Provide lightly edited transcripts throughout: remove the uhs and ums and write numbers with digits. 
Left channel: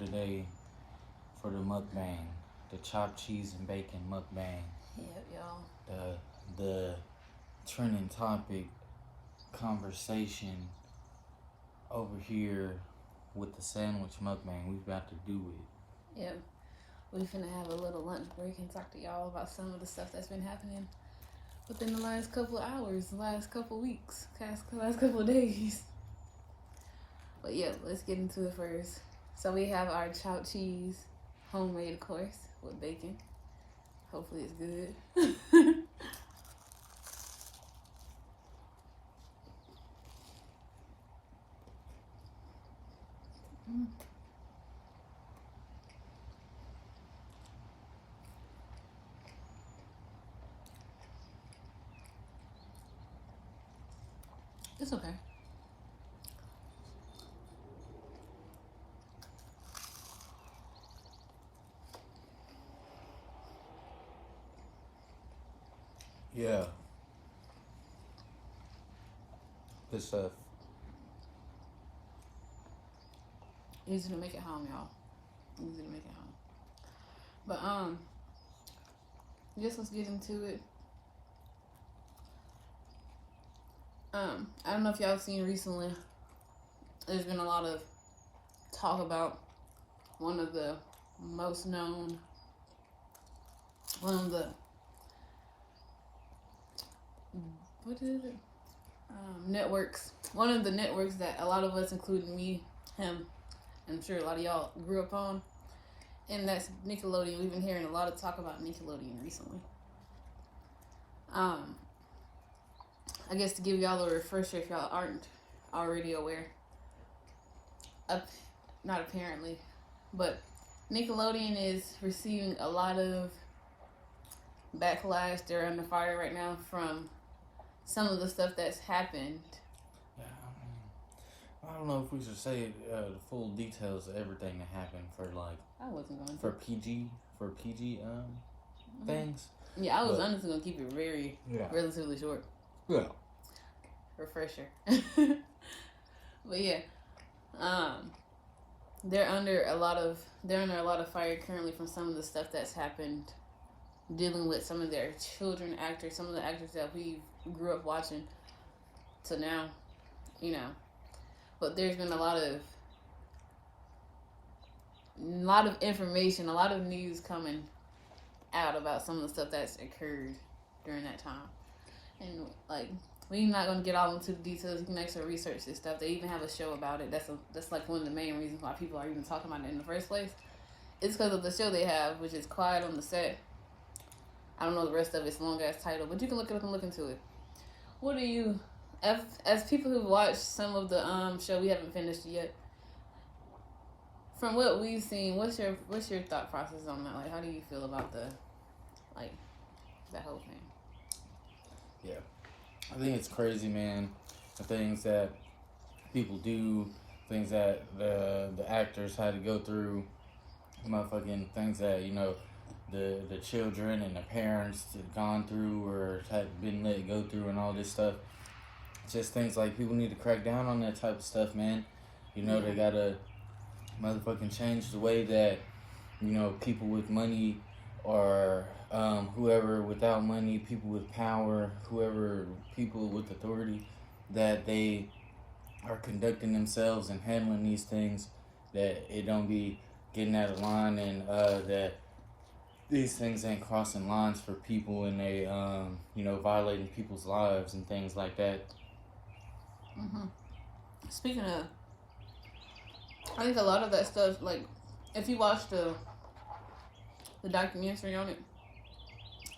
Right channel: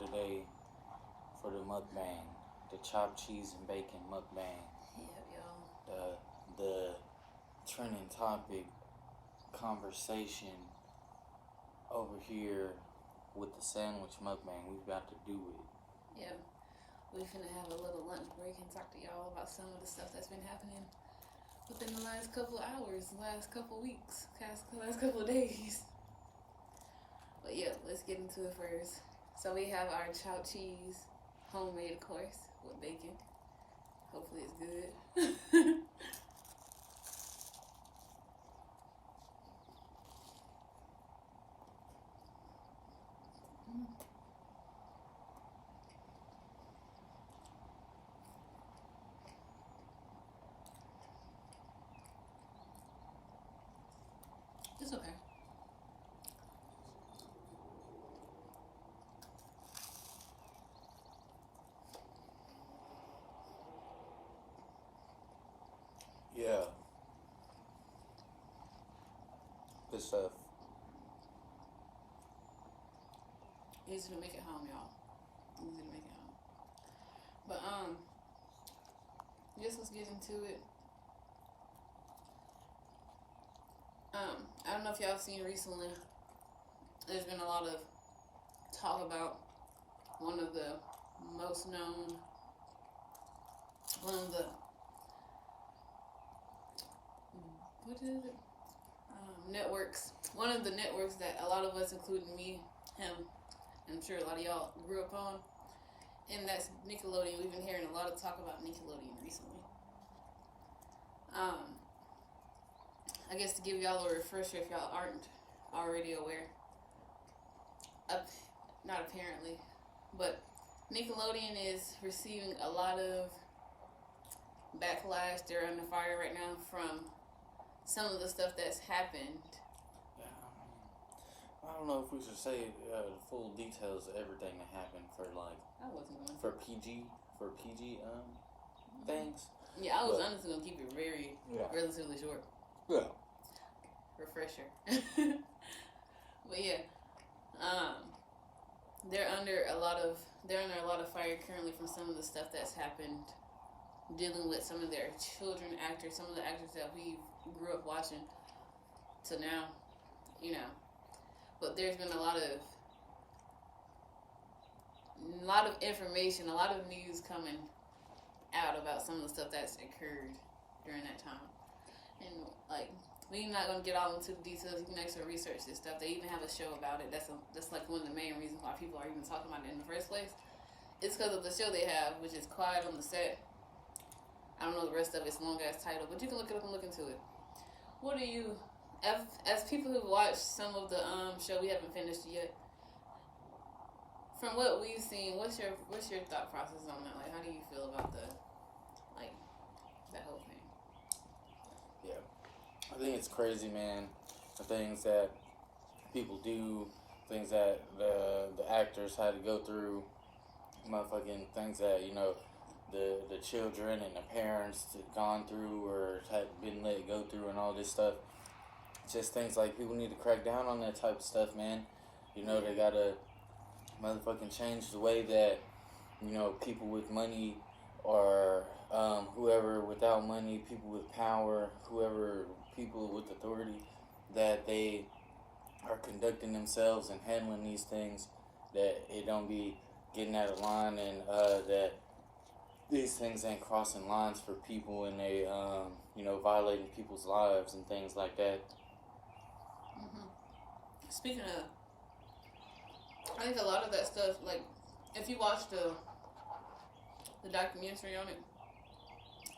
today for the mukbang, the chopped cheese and bacon mukbang. Yep, y'all. The trending topic conversation over here with the sandwich mukbang. We about to do it. Yep. We finna have a little lunch break and talk to y'all about some of the stuff that's been happening within the last couple of hours, the last couple of weeks, last couple of days. But yeah, let's get into it first. So we have our chopped cheese, homemade of course, with bacon. Hopefully it's good. It's okay. Yeah. Good stuff. Easy to make it home, y'all. Easy to make it home. But just let's get into it. I don't know if y'all have seen recently, there's been a lot of talk about one of the most known, what is it? Networks. One of the networks that a lot of us, including me, him, and I'm sure a lot of y'all grew up on, and that's Nickelodeon. We've been hearing a lot of talk about Nickelodeon recently. I guess to give y'all a refresher if y'all aren't already aware. Not apparently, but Nickelodeon is receiving a lot of backlash. They're under fire right now from some of the stuff that's happened. Yeah, I don't know if we should say the full details of everything that happened for I wasn't going to. for PG things. Yeah, I was honestly gonna keep it very relatively short. Yeah. Refresher. But yeah, they're under a lot of fire currently from some of the stuff that's happened, dealing with some of their children actors, some of the actors that we grew up watching to now, you know. But there's been a lot of information, a lot of news coming out about some of the stuff that's occurred during that time. And we're not gonna get all into the details. You can actually research this stuff. They even have a show about it. That's like one of the main reasons why people are even talking about it in the first place. It's because of the show they have, which is Quiet on the Set. I don't know the rest of its long ass title, but you can look it up and look into it. What do you, as people who've watched some of the show, we haven't finished it yet. From what we've seen, what's your thought process on that? Like, how do you feel about that whole thing? Yeah, I think it's crazy, man. The things that people do, things that the actors had to go through, motherfucking things that the children and the parents had gone through or had been let go through and all this stuff. Just things like people need to crack down on that type of stuff, man. They gotta motherfucking change the way that people with money or whoever without money, people with power, people with authority, that they are conducting themselves and handling these things, that it don't be getting out of line, and that these things ain't crossing lines for people, and they violating people's lives and things like that. Mm-hmm. Speaking of, I think a lot of that stuff, like if you watch the documentary on it,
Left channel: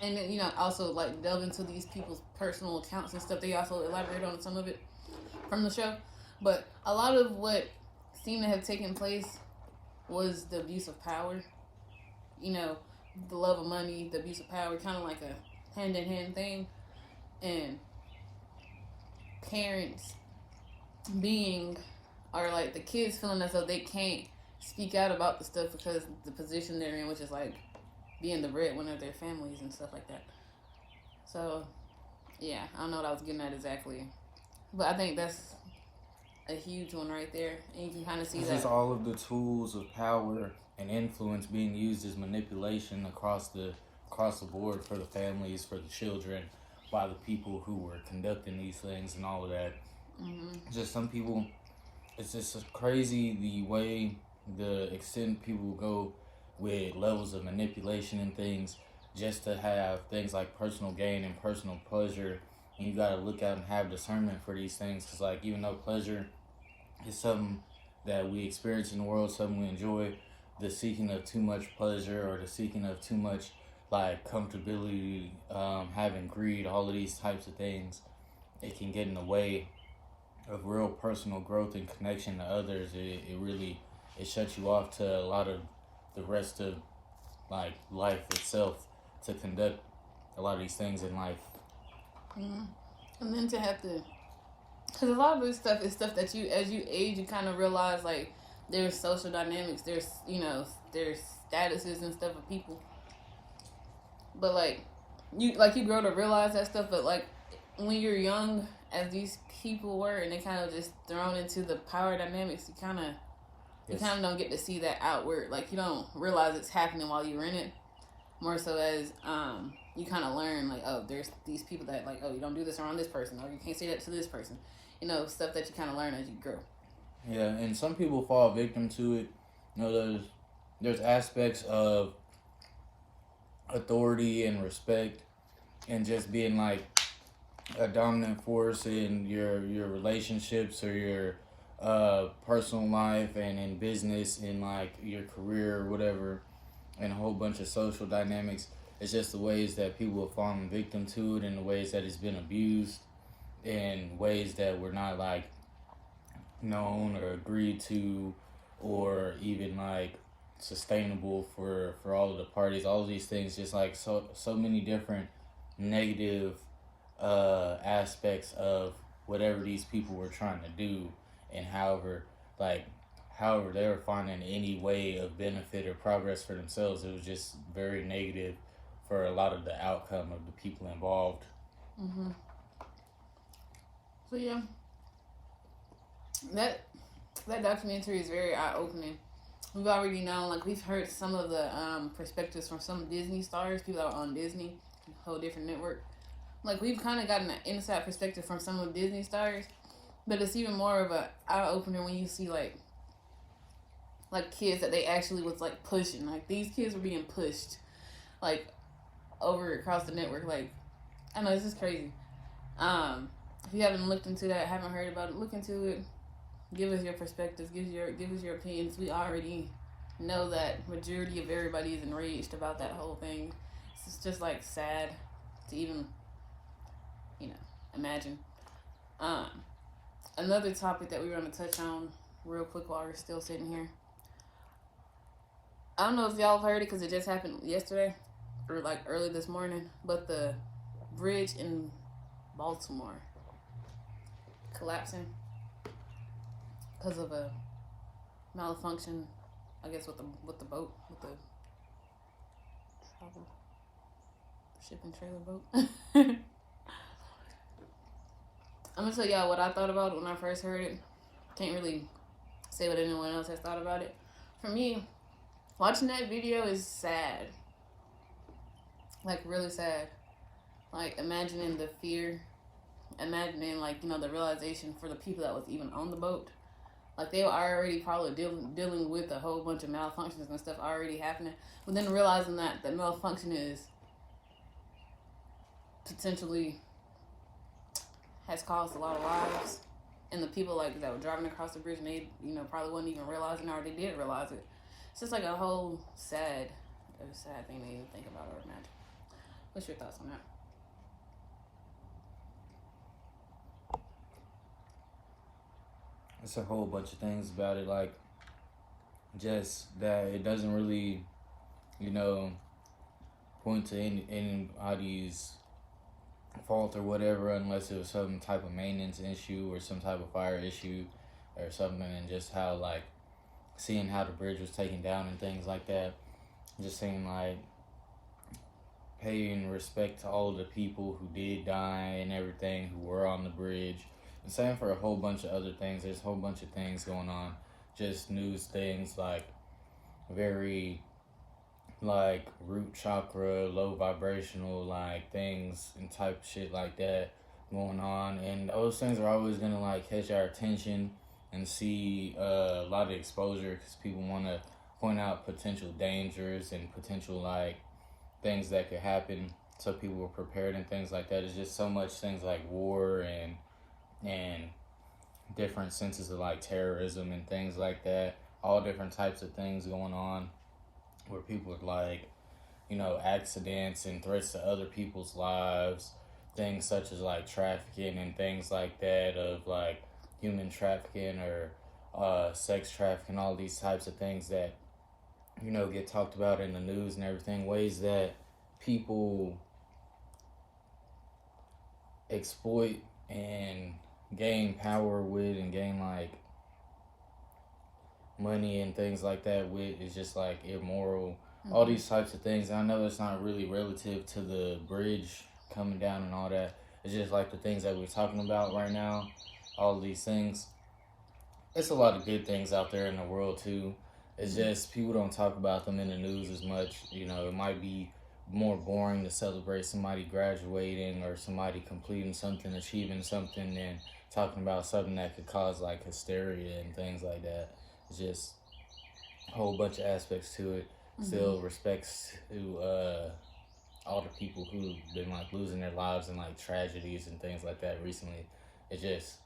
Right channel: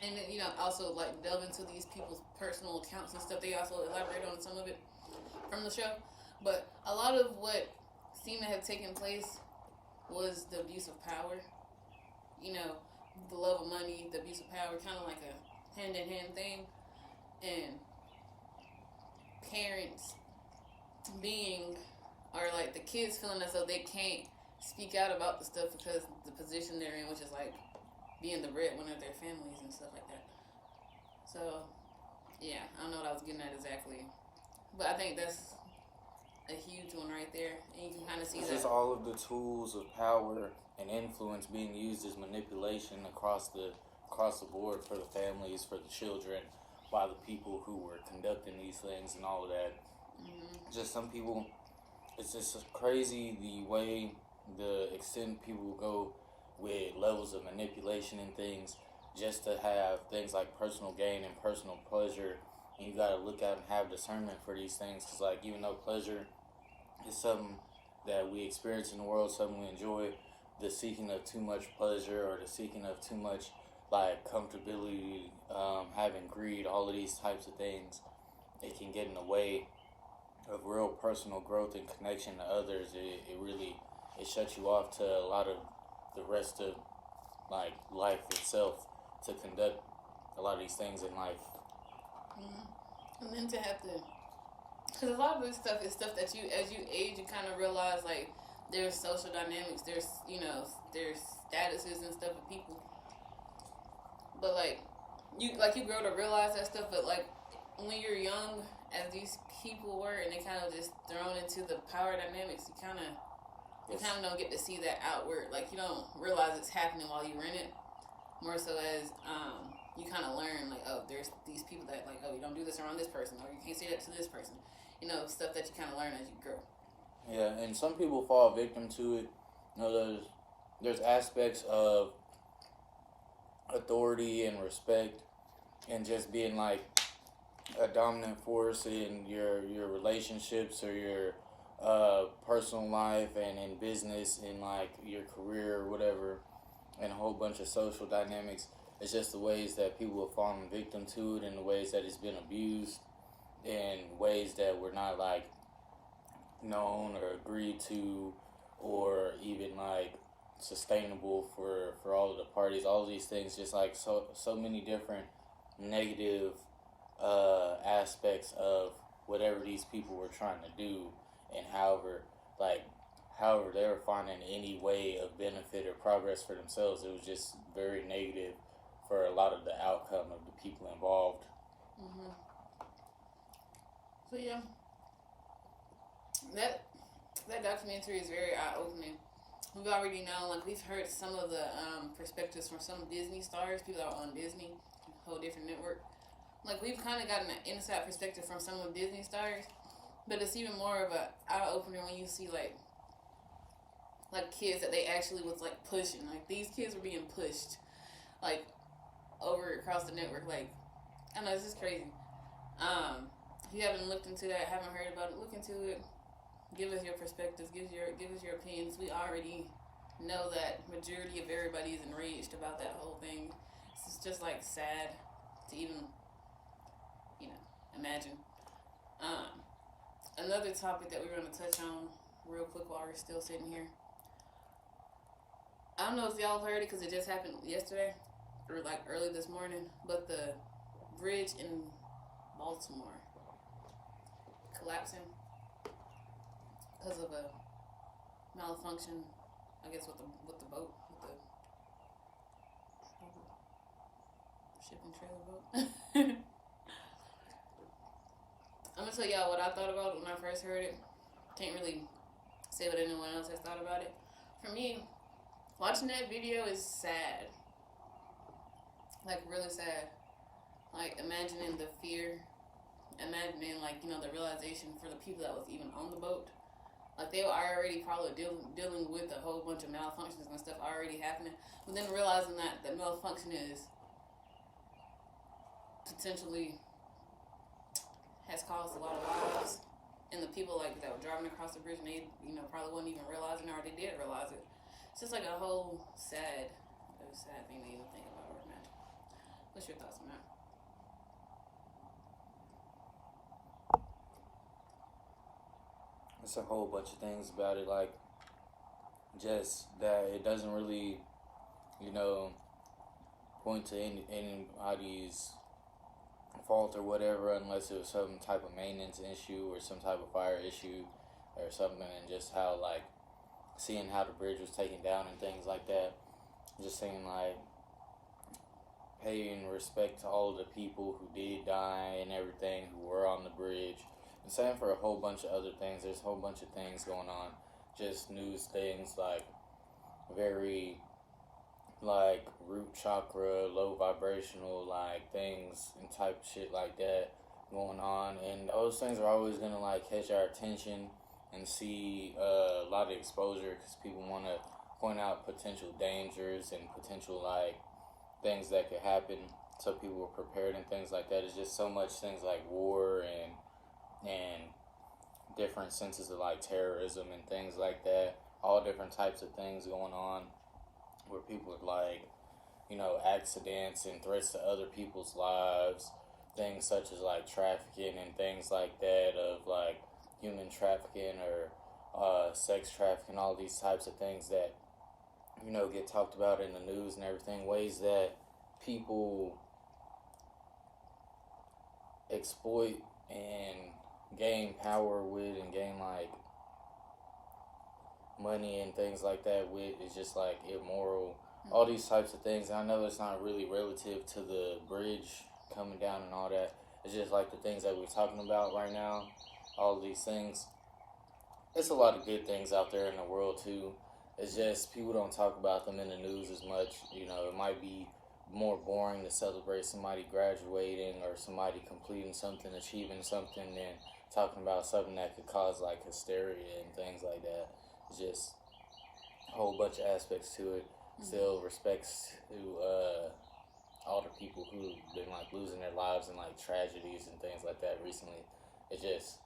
and then, also delve into these people's personal accounts and stuff, they also elaborate on some of it from the show. But a lot of what seemed to have taken place was the abuse of power. The love of money, the abuse of power, kind of like a hand-in-hand thing. And parents or the kids feeling as though they can't speak out about the stuff because the position they're in, which is being the breadwinner of their families and stuff like that. So, yeah, I don't know what I was getting at exactly. But I think that's a huge one right there, and you can kind of see It's that. just all of the tools of power and influence being used as manipulation across the board for the families, for the children, by the people who were conducting these things and all of that. Mm-hmm. Just some people, it's just crazy the way, the extent people go with levels of manipulation and things just to have things like personal gain and personal pleasure. And you gotta look out and have discernment for these things, because like even though pleasure is something that we experience in the world, something we enjoy, the seeking of too much pleasure or the seeking of too much like comfortability, having greed, all of these types of things, it can get in the way of real personal growth and connection to others. It really, it shuts you off to a lot of the rest of like life itself, to conduct a lot of these things in life. Mm-hmm. And then to have to, because a lot of this stuff is stuff that you, as you age, you kind of realize like there's social dynamics, there's there's statuses and stuff of people. But you grow to realize that stuff. But like when you're young, as these people were, and they kind of just thrown into the power dynamics, you kind of don't get to see that outward. Like you don't realize it's happening while you're in it. More so as you kind of learn like, oh, there's these people that like, oh, you don't do this around this person, or you can't say that to this person. Stuff that you kind of learn as you grow. Yeah, and some people fall victim to it. There's aspects of authority and respect and just being like a dominant force in your relationships or your personal life and in business, in like your career or whatever, and a whole bunch of social dynamics. It's just the ways that people have fallen victim to it, and the ways that it's been abused, in ways that were not like known or agreed to, or even like sustainable for all of the parties. All of these things, just like so many different negative aspects of whatever these people were trying to do, and however they were finding any way of benefit or progress for themselves, it was just very negative for a lot of the outcome of the people involved. Mm-hmm. So yeah, that documentary is very eye opening. We've already known, like we've heard some of the perspectives from some Disney stars, people that are on Disney, a whole different network. Like we've kind of gotten an inside perspective from some of Disney stars, but it's even more of a eye opener when you see like kids that they actually was like pushing. Like these kids were being pushed, like over across the network. Like I know this is crazy. If you haven't looked into that, haven't heard about it, look into it. Give us your perspectives. Give us your opinions. We already know that majority of everybody is enraged about that whole thing. It's just like sad to even imagine. Another topic that we were going to touch on real quick while we're still sitting here. I don't know if y'all have heard it because it just happened yesterday or like early this morning, but the bridge in Baltimore collapsing because of a malfunction, I guess, with the boat, with the shipping trailer boat. I'm gonna tell y'all what I thought about it when I first heard it. Can't really say what anyone else has thought about it. For me, watching that video is sad. Like really sad. Like imagining the fear, imagining the realization for the people that was even on the boat. Like they were already probably dealing with a whole bunch of malfunctions and stuff already happening, but then realizing that the malfunction is potentially has caused a lot of lives, and the people that were driving across the bridge, and they probably wasn't even realizing, or they did realize it. It's just like a whole sad thing to even think about or imagine. What's your thoughts on that? It's a whole bunch of things about it, like just that it doesn't really, point to anybody's fault or whatever, unless it was some type of maintenance issue or some type of fire issue or something, and just how seeing how the bridge was taken down and things like that, just seeing paying respect to all of the people who did die and everything, who were on the bridge, The same for a whole bunch of other things. There's a whole bunch of things going on. Just news things like very like root chakra, low vibrational like things and type of shit like that going on. And those things are always gonna like catch our attention and see a lot of exposure because people want to point out potential dangers and potential like things that could happen, so people were prepared and things like that. It's just so much things like war and different senses of like terrorism and things like that. All different types of things going on where people are like, you know, accidents and threats to other people's lives. Things such as like trafficking and things like that, of like human trafficking or sex trafficking, all these types of things that, you know, get talked about in the news and everything. Ways that people exploit and gain power with and gain like money and things like that with is just like immoral. All these types of things. I know it's not really relative to the bridge coming down and all that. It's just like the things that we're talking about right now. All of these things. It's a lot of good things out there in the world too. It's just people don't talk about them in the news as much. You know, it might be more boring to celebrate somebody graduating or somebody completing something, achieving something, than talking about something that could cause like hysteria and things like that. It's just a whole bunch of aspects to it. Still respects to all the people who've been like losing their lives in like tragedies and things like that recently. It's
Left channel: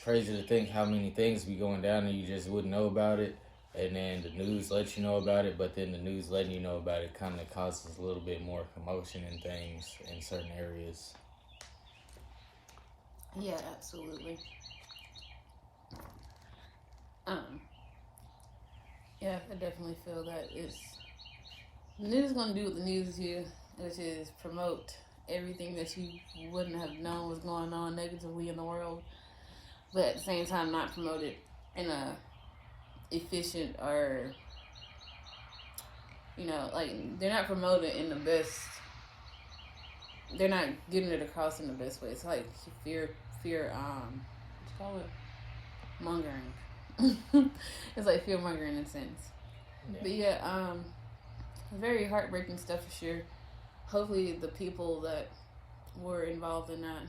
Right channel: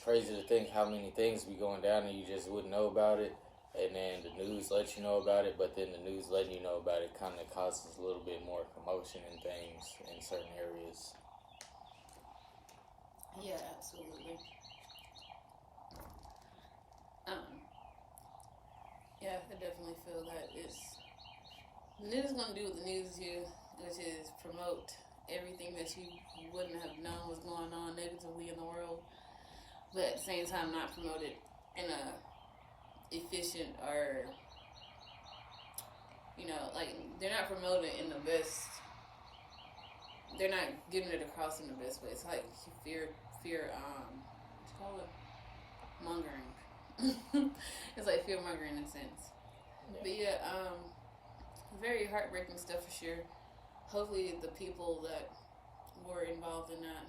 crazy to think how many things be going down and you just wouldn't know about it, and then the news lets you know about it, but then the news letting you know about it kind of causes a little bit more commotion and things in certain areas. Yeah, absolutely. Yeah, I definitely feel that the news is gonna do what the news do, which is promote everything that you wouldn't have known was going on negatively in the world, but at the same time not promote it in a efficient or, you know, like they're not promoting in the best. They're not getting it across in the best way. It's like fear, what you call it, mongering. It's like fear mongering in a sense. Yeah. But yeah, very heartbreaking stuff for sure. Hopefully, the people that were involved in that,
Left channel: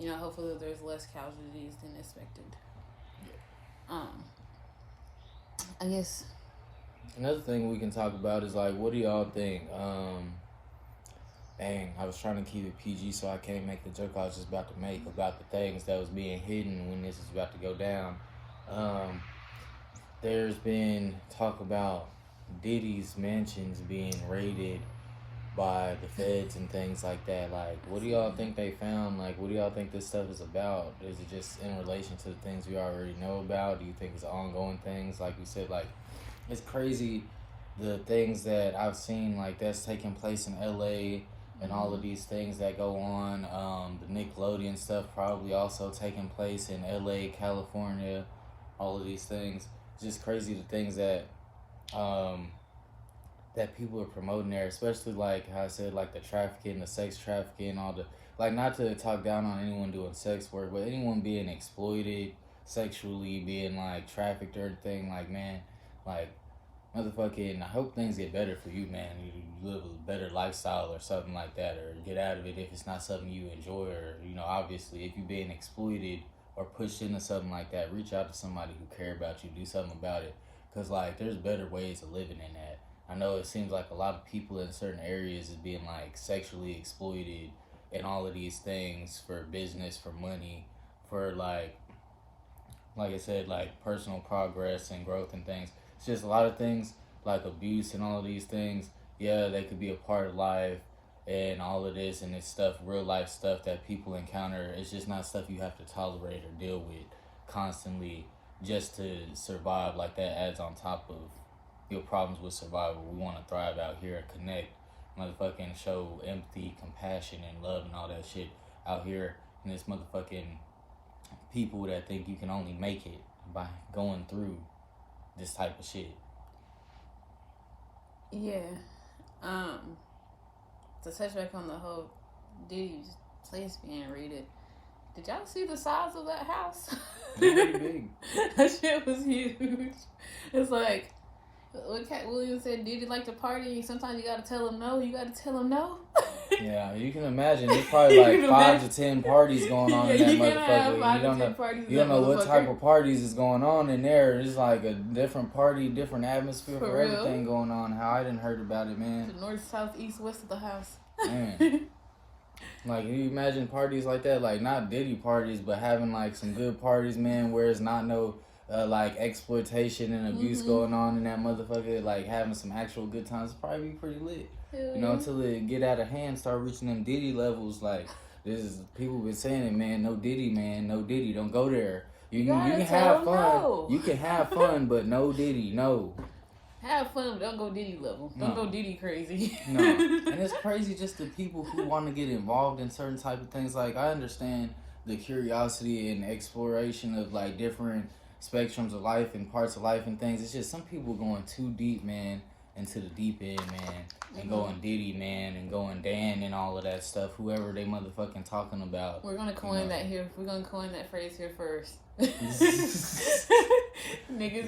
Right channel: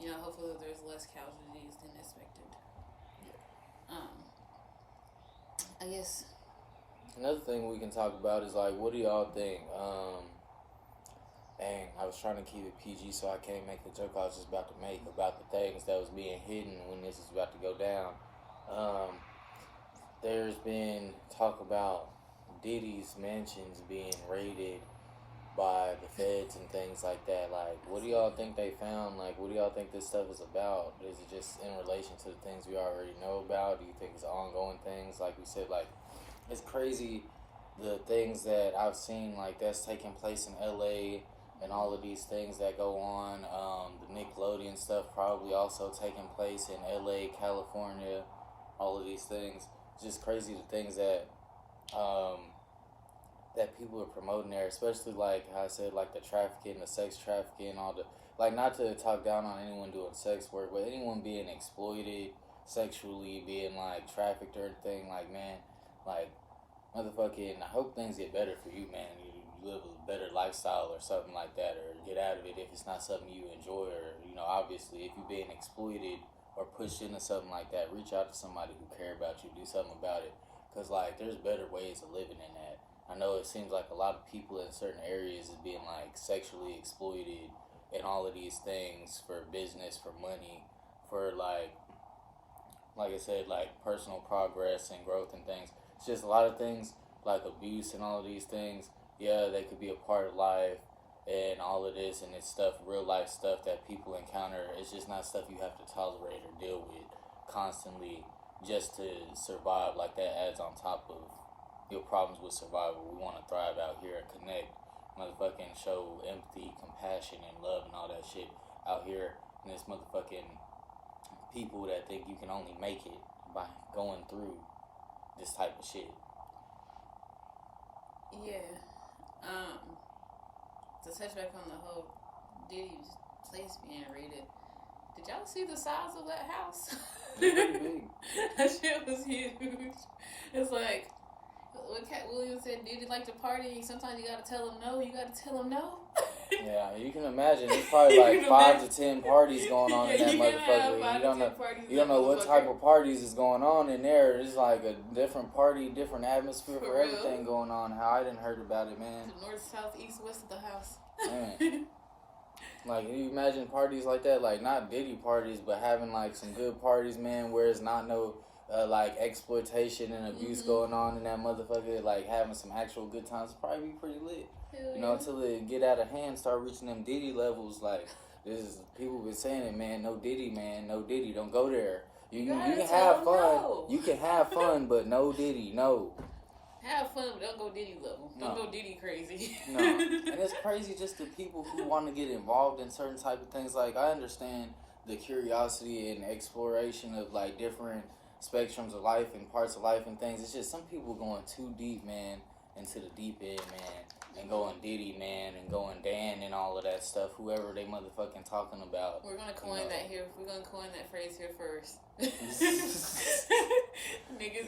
you know, hopefully there's less casualties than expected. Yeah. I guess another thing we can talk about is like, what do y'all think? Dang, I was trying to keep it PG, so I can't make the joke I was just about to make about the things that was being hidden when this is about to go down. There's been talk about Diddy's mansions being raided by the feds and things like that. Like, what do y'all think they found? Like, what do y'all think this stuff is about? Is it just in relation to the things we already know about? Do you think it's ongoing things? Like we said, like, it's crazy the things that I've seen, like, that's taking place in LA and all of these things that go on. The Nickelodeon stuff probably also taking place in LA, California, all of these things. It's just crazy the things that that people are promoting there, especially like how I said, like the trafficking, the sex trafficking, all the, like, not to talk down on anyone doing sex work, but anyone being exploited sexually, being like trafficked or anything, like, man, like, motherfucking, I hope things get better for you, man. You live a better lifestyle or something like that, or get out of it if it's not something you enjoy, or, you know, obviously if you're being exploited or pushed into something like that, reach out to somebody who care about you, do something about it, because, like, there's better ways of living than that. I know it seems like a lot of people in certain areas is being like sexually exploited and all of these things for business, for money, for like I said, like personal progress and growth and things. It's just a lot of things like abuse and all of these things. Yeah, they could be a part of life and all of this, and it's stuff, real life stuff that people encounter. It's just not stuff you have to tolerate or deal with constantly just to survive. Like, that adds on top of your problems with survival. We want to thrive out here and connect, motherfucking show empathy, compassion, and love and all that shit out here. And this motherfucking people that think you can only make it by going through this type of shit. Yeah. To touch back on the whole Diddy's place being raided, Did y'all see the size of that house? It's pretty big. That shit was huge. It's like, what Cat Williams said, Diddy like to party. Sometimes you gotta tell him no. You gotta tell him no. Yeah, you can imagine. There's probably like 5 to 10 parties going on in that motherfucker. You don't know what type of parties is going on in there. It's like a different party, different atmosphere for everything going on. How I didn't heard about it, man. The north, south, east, west of the house. Man. Like, you imagine parties like that, like not Diddy parties, but having like some good parties, man, where it's not no like exploitation and abuse going on in that motherfucker. Like having some actual good times, it'd probably be pretty lit. Hell You know, until it get out of hand, start reaching them Diddy levels. Like, this is, people been saying it, man. No Diddy, man. No Diddy. Don't go there. You can have fun. No. You can have fun, but no Diddy. No. Have fun, but don't go Diddy level. Don't go Diddy crazy. No. And it's crazy just the people who want to get involved in certain type of things. Like, I understand the curiosity and exploration of, like, different spectrums of life and parts of life and things. It's just some people going too deep, man. Into the deep end, man, and going Diddy, man, and going Dan and all of that stuff, whoever they motherfucking talking about. We're gonna coin that here. We're gonna coin that phrase here first. Niggas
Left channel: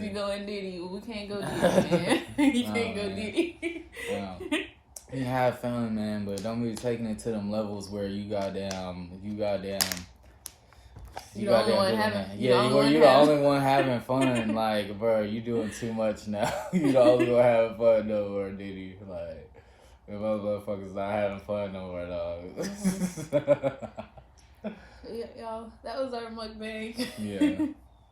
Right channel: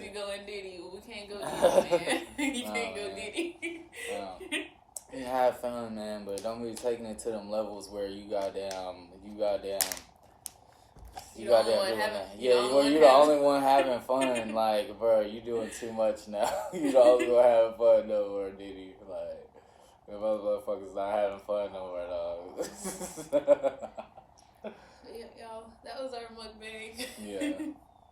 be going Diddy. We can't go Diddy, man. You can't go Diddy. You have fun, man, but don't be taking it to them levels where you goddamn. You the only one having. You're the only one having fun. Like, bro, you doing too much now. You the only one having fun no more, Diddy. Like, the motherfuckers not having fun no more, dog. Yeah, y'all, that was our mukbang. Yeah,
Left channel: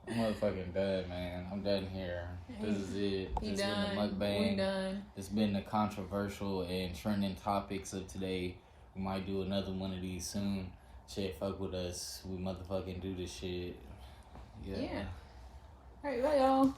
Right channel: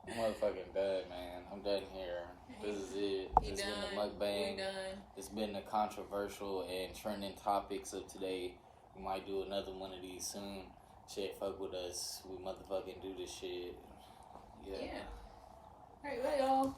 I'm motherfucking done, man. I'm done here. This is it. It's been the mukbang. We done. It's been the controversial and trending topics of today. We might do another one of these soon. Shit, fuck with us. We motherfucking do this shit. Yeah. Alright, bye y'all.